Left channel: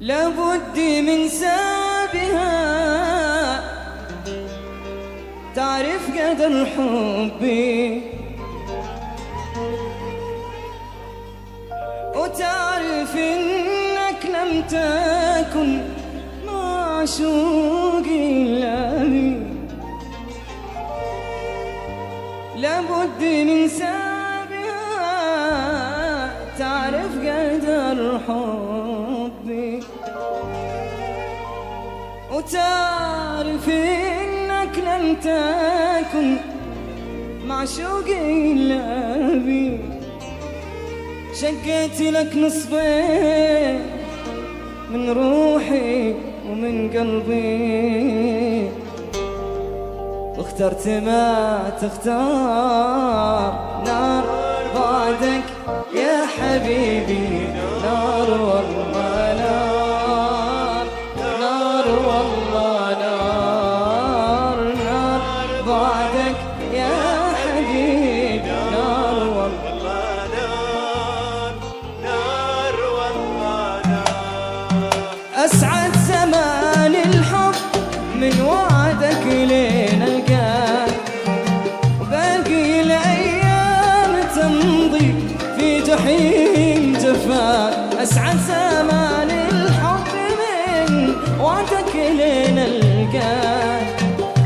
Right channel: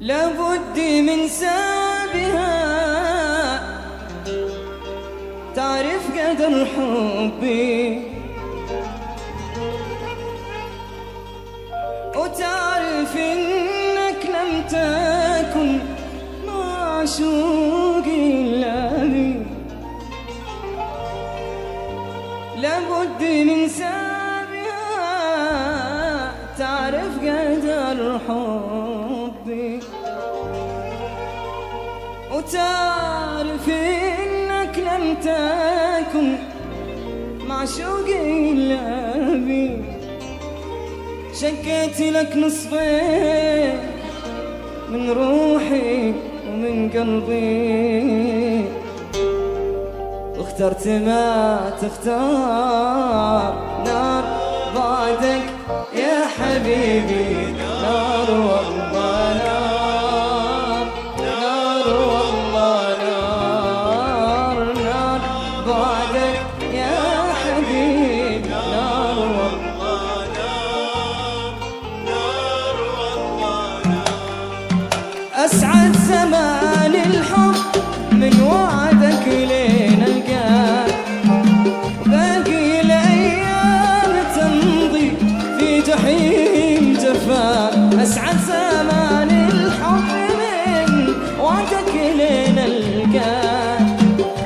لابد من سابها تعرف قدر حبي، وتعرف إنك لم تكن معشوقي إلا بي. لابد من سابها تعرف قدر حبي، وتعرف إنك لم تكن معشوقي إلا بي. شقيت لك نصفين من روحي ومن قلبي، واخترت ما تختار نار بعدك يا حبيبي. نار والله نار، نار والله نار، نار بعدك يا حبيبي. نار والله نار، نار والله نار. أسعد زمان الحب من وعدك لين القاك، وباقي الأيام تمضي في جحيم جفاك. أسعد زمان الحب من وعدك لين القاك،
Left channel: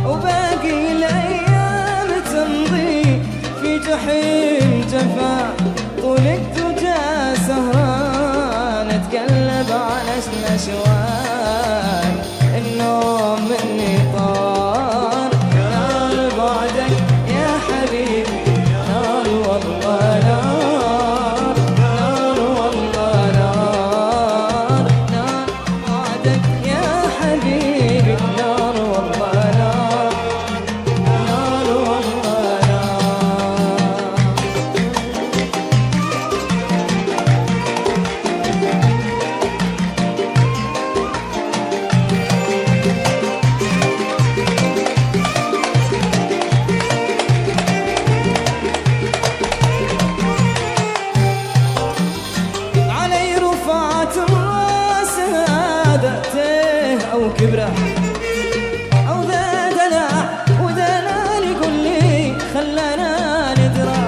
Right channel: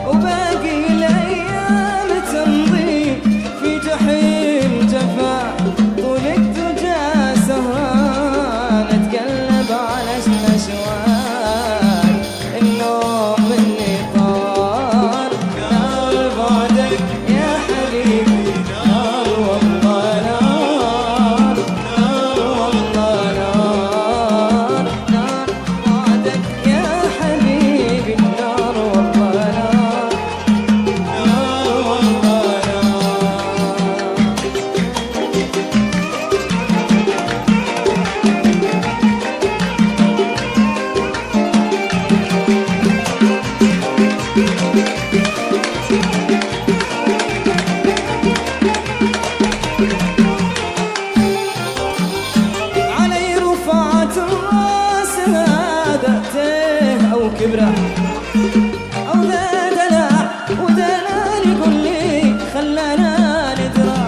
وباقي الأيام تمضي في جحيم جفاك. طول الدجى سهران اتقلب على الأشواق، النوم مني طار. نار بعدك يا حبيبي. نار والله نار، نار والله نار، نار بعدك يا حبيبي. نار والله نار، نار والله نار. علي رفعت الراس هادته أو كبره أو ذا دلع، ودلال يقول لي خلانا ندرى.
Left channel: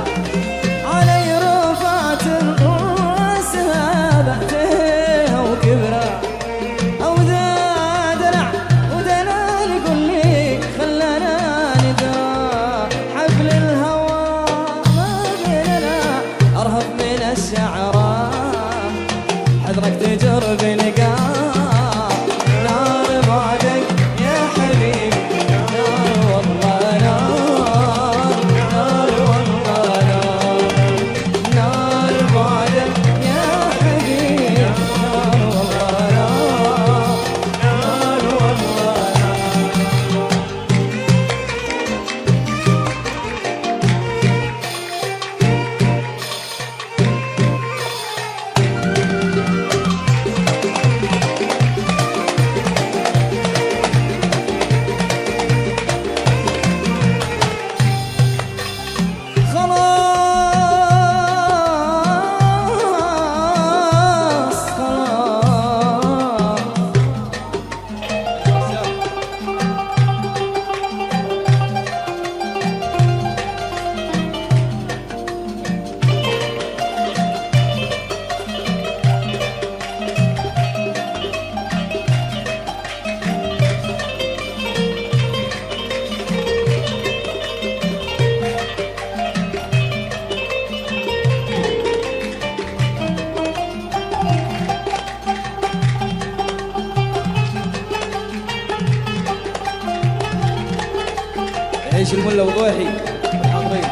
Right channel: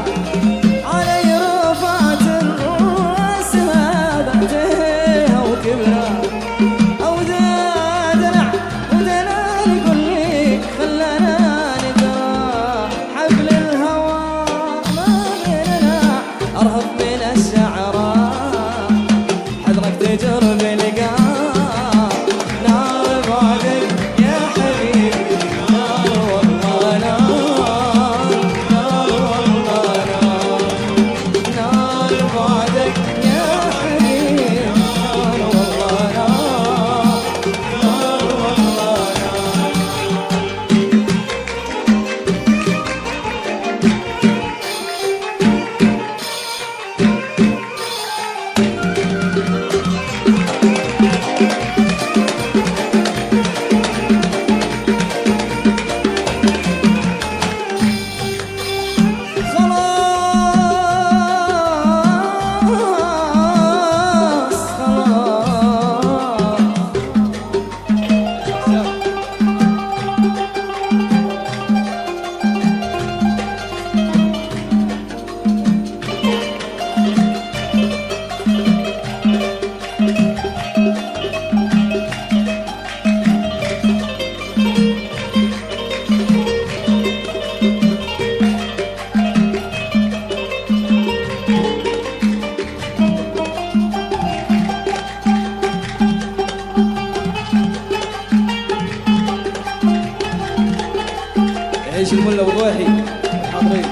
علي رفعت الراس هادته أو كبره أو ذا دلع، ودلال يقول لي خلانا ندرى. حبل الهوى ما بيننا أرهب من الشعراء، حذرك تجرب لقاء. نار بعدك يا حبيبي. نار والله نار، نار والله نار، نار بعدك يا حبيبي. نار والله نار، نار والله نار. خلاص خلاص. يعيش الملا وضويحي الحاضرين.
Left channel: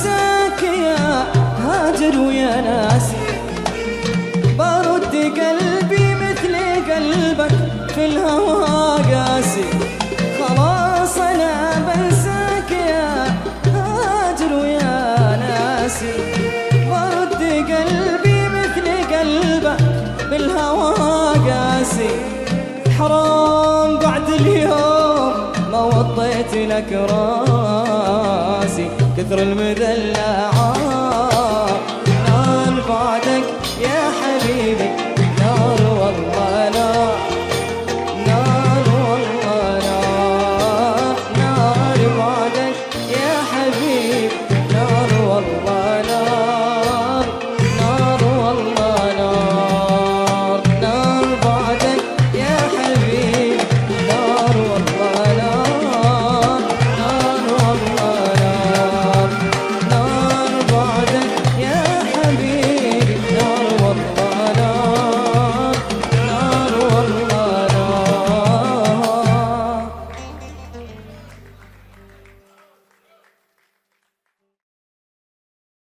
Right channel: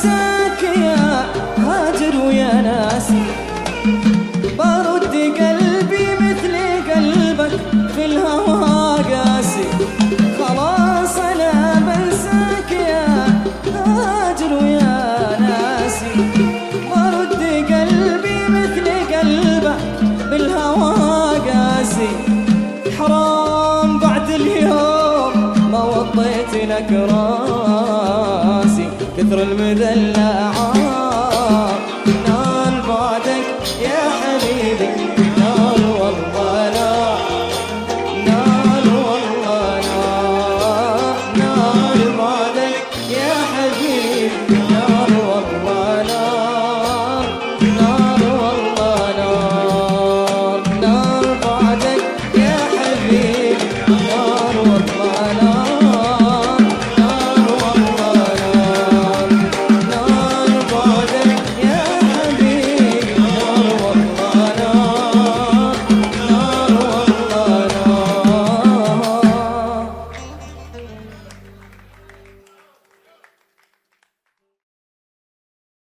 بنساك يا هاجر ويا ناسي، برد قلبي مثل قلبك في الهوى قاسي. خلاص أنا بنساك يا هاجر ويا ناسي، برد قلبي مثل قلبك بالهوى قاسي. حرام بعد اليوم ما وطيت لك راسي، كثر المذلة نال بعدك يا حبيبي.